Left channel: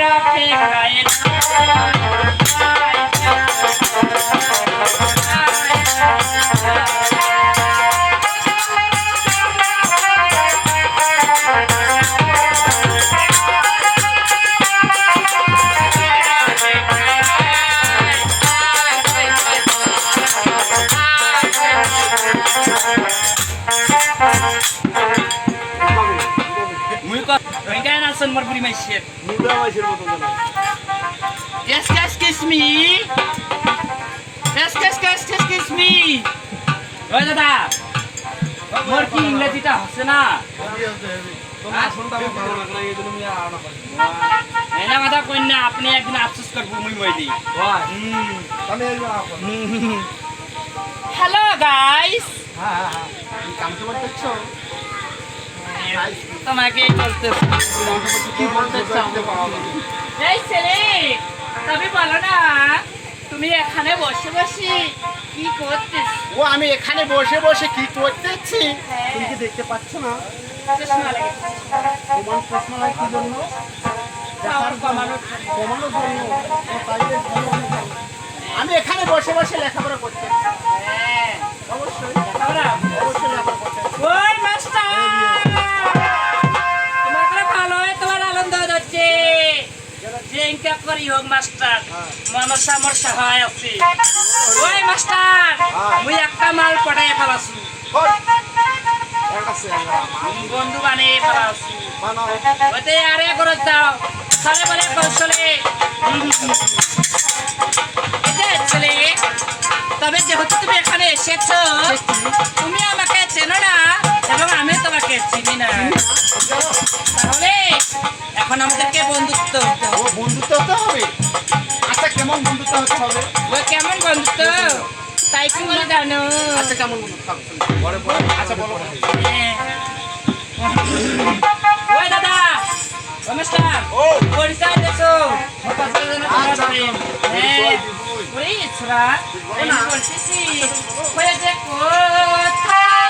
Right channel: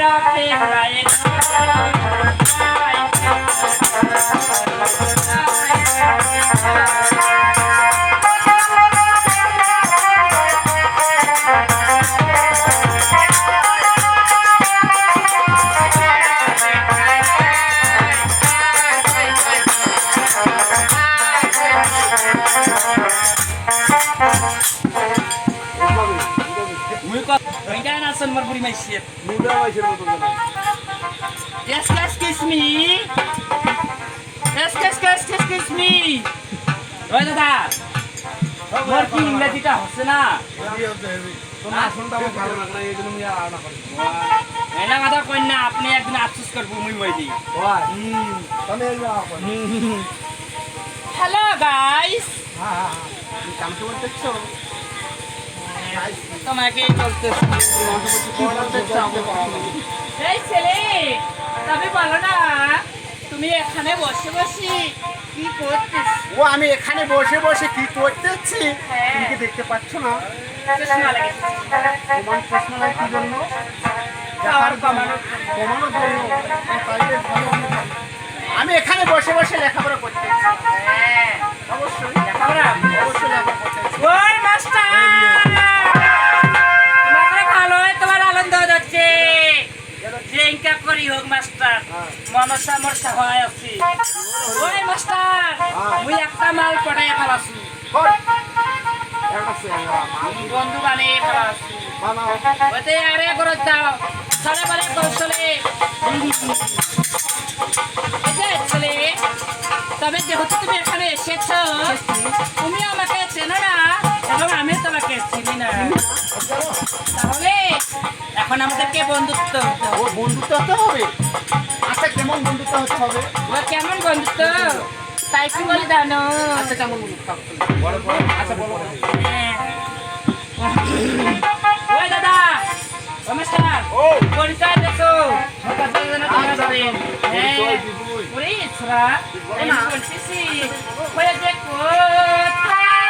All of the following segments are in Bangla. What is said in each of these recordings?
রাখে গায়ে Mar buri mai shit. Muda mai shit motong jana. Excuse me. Excuse me. ওই দাদা মোর কি ইংরেজিটা হচ্ছে না তোমার আসনটা আমার ভালো লাগে না এইজন্য আমি আর না করি এনা কথা কই না আপনি একদিন আফসোস করব মুই মইলি ওই তাহলে এই আপন হ্যালো গাইস হ্যাঁ তুমি কাম কি বলতেছো তোমাকে বলতেছি এই ছেলে তবে বলো না তুমি এখানে বসে বসে কি করতেছ ও আমি এখানে বসে বসে কি করতেছি তুমি কি দেখতে পাচ্ছ না চশমা লাগে তোমার চশমা লাগে কি জন্য পাওয়ার কমানোর জন্য আমি এখানে বসে বসে লেখাপড়া করতেছি হ্যাঁ অবশ্যই লেখাপড়া অবশ্যই লেখাপড়া করতেছি ওই মাস্টার তোমাকে ভালো হয় তোমার আনন্দ হচ্ছে যেটা করি হোক মাস্টার মনসা আমার সহায় আছে ওই মাস্টার মুই একটা মাল পড়াই ফেলাছু বন্ধু বানিয়ে ফেলাছু ওতে আরে করে দাও সারে বলে কৌশলে ছেলে তবে যেহেতু তুমি এখানে এসেছো তুমি আমাকে চেনো না এবং আমি তোমাকে চিনি না তাহলে এখন আমাদেরকে বন্ধুত্ব হতে হবে বন্ধুত্ব হতে হবে আচ্ছা কেমন বন্ধুত্ব হতে হবে ও কেমন বন্ধুত্ব তাই কি বলে জানো আচ্ছা কেমন বন্ধুত্ব বড় বড় আচ্ছা বলো ওই দাদা নমস্কার ও পরিচয় দেছো আচ্ছা হ্যাঁ ওরে ইছরা আমি বলতেছি ওই যে কোথায়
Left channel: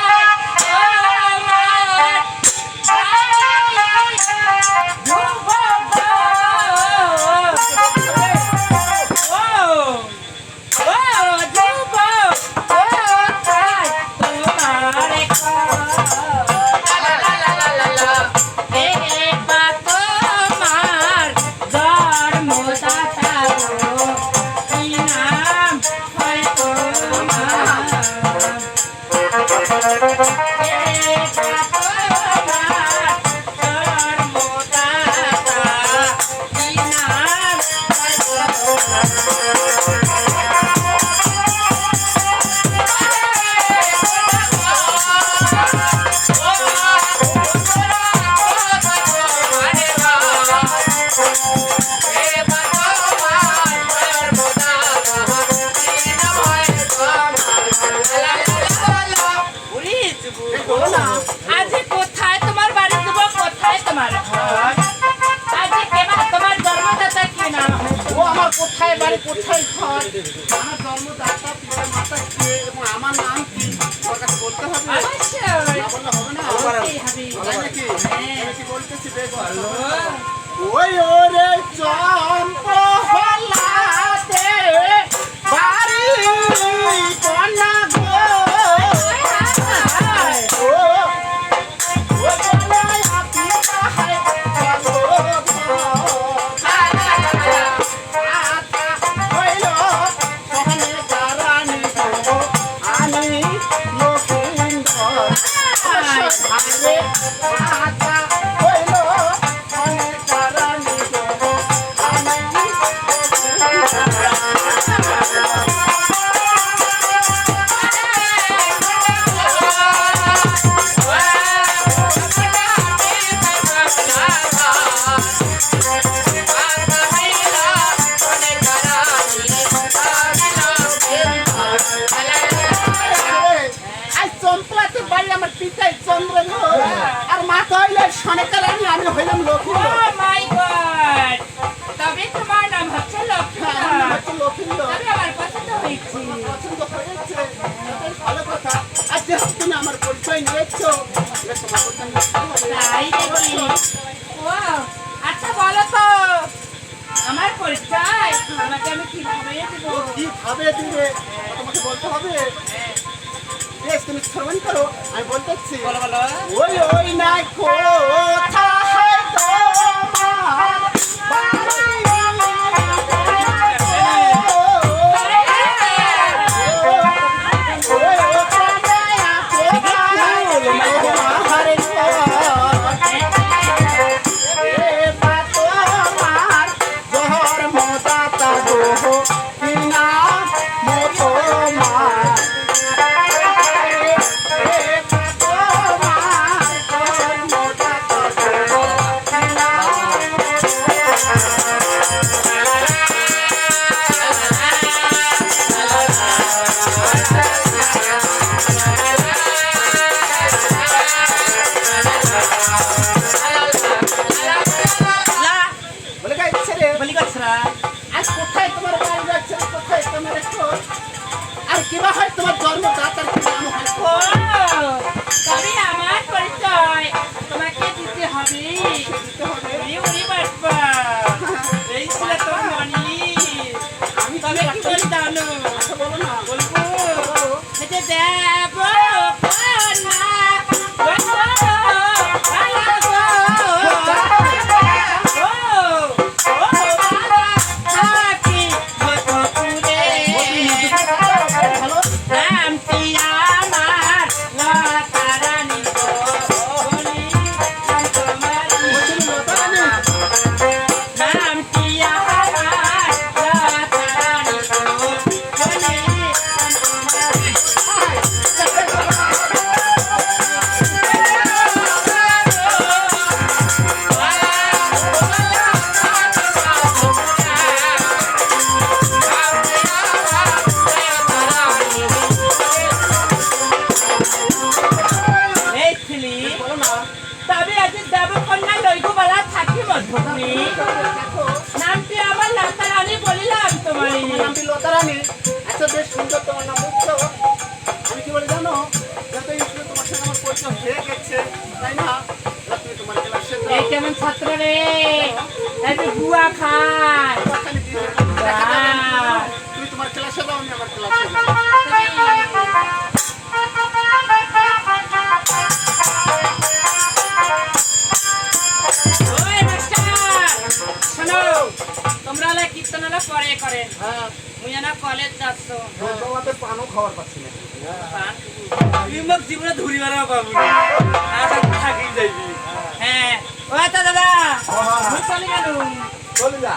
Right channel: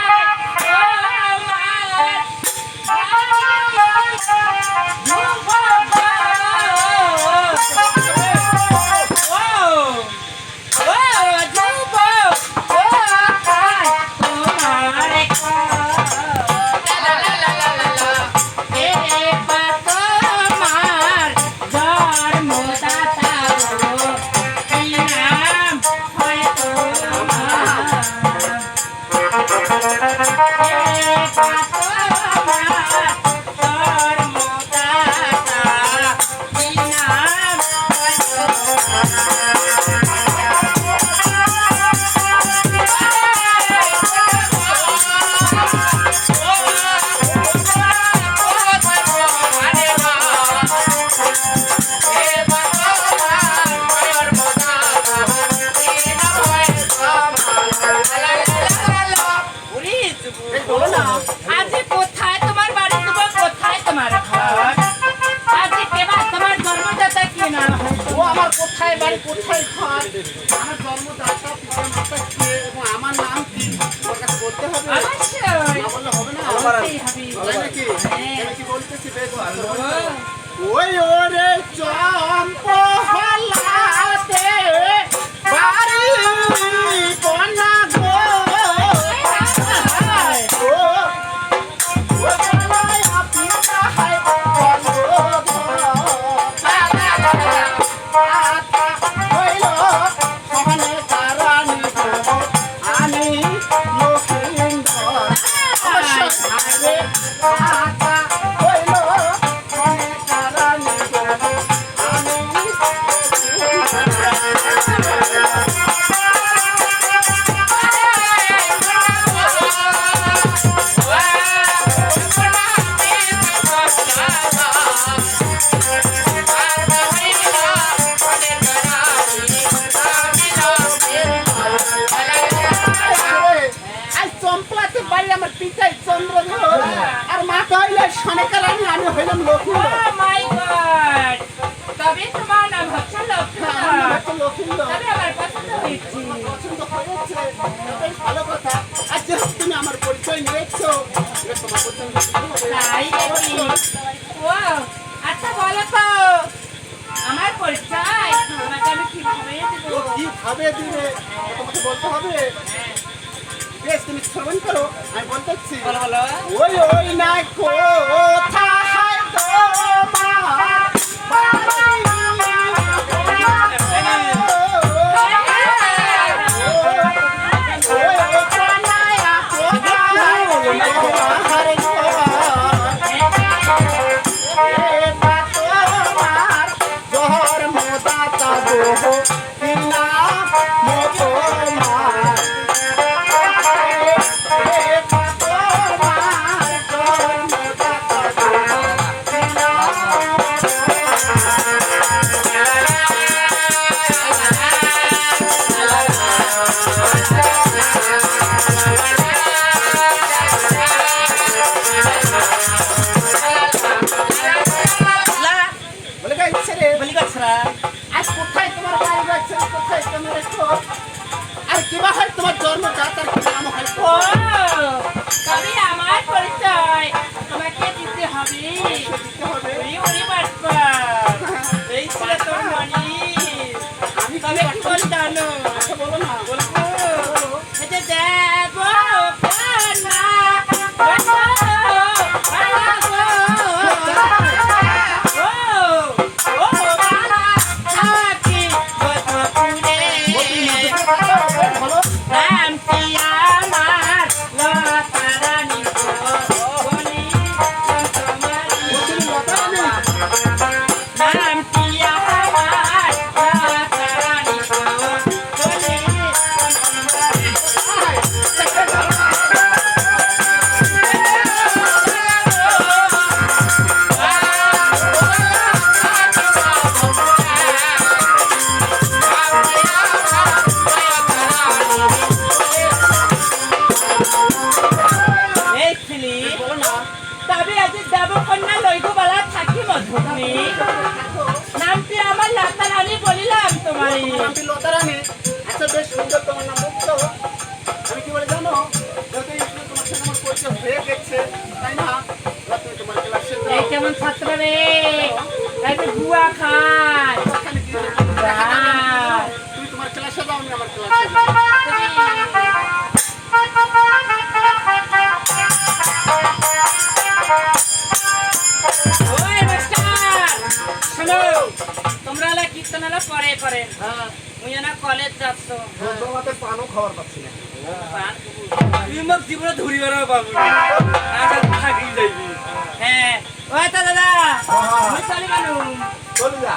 কোথায় বাড়ি কোথায় ঘর আমার জন্মদাতা পিতা মাতা কে এবং আমার নাম কি ওর কাছে বলতে হবে না বললে হবে না তাই নাকি আমি কি বলতেছি বেশ ওই ওরে চম্পা হলাতে বাড়ি কন্যা গো আমার পিতাই চন্দ্রধর আর মাথা হইলে সনেকার আমি হইলাম লক্ষ্মী মাই গড তবে তোমার নাম হচ্ছে লক্ষ্মী তবে আমার পছন্দ হয়েছে ভালো কথা আর যেহেতু তুমি আমার পরিচয় নিয়েছো তোমার পছন্দ তাই ও আচ্ছা বলো তো আমি কিভাবে দিব? ও কিভাবে দিবে তোমাকে বলতে হবে। বেশ তুমি শ্রবণ করো, আমি বলতেছি। বলো বলো। ওই ওই না কোথায় তোমার লা বলে গাইছে রে। বলি গছরা। আজ কোথায় তোমার বাড়ি যাচ্ছে, কোথায় তোমার একটু আর কিবা হয় তোমার জন্মদাতার কি নাম হয়? ও তবে আমার পরিচয় তোমাকে দিতে হবে। দিতে হবে। ওরে ওরে বাপ্পা, এই ছিল তোর মনি। আমি তবে কি বলি জানো? কথা বলো না। বলবো এই যে দেব কন্যা ভালো তুমি লতা রানী। বলো না। তবে আজ দেবকন্যা লইগুবালা থাকি মধুগ্নি নামটি আমার লতা রানী বলিলাম তোমারই। আমার নামটি লতা রানী। আচ্ছা বেশ সুন্দর তোমার নাম বুঝছো। আমি কি বলে জানো, যত স্কুলে তোমার সঙ্গে আমার পরিচয় হয়ে গেছে তাই না, এবার তুমি তোমার ক্লাসে এই কেমন ছাত্র রে, এই তুই গুয়া খায়। তুমি তোমার ক্লাসে যাও, আমি আমার ক্লাসে যাই। ওই মাস্টার শোনো, তোমরা হলে কীর্তন হলে পরে করেন, হ্যাঁ, মুই না কলেজ যাচ্ছ। তোমাতে পানও খাবার পাচ্ছি না। পান খাবো। তুই মোক জীবনে ধরি মারা পাবো না আজ থাকি যাইবি হ্যাঁ, ওই তো দাদা, মুই চলে গেলুম। চলে যা।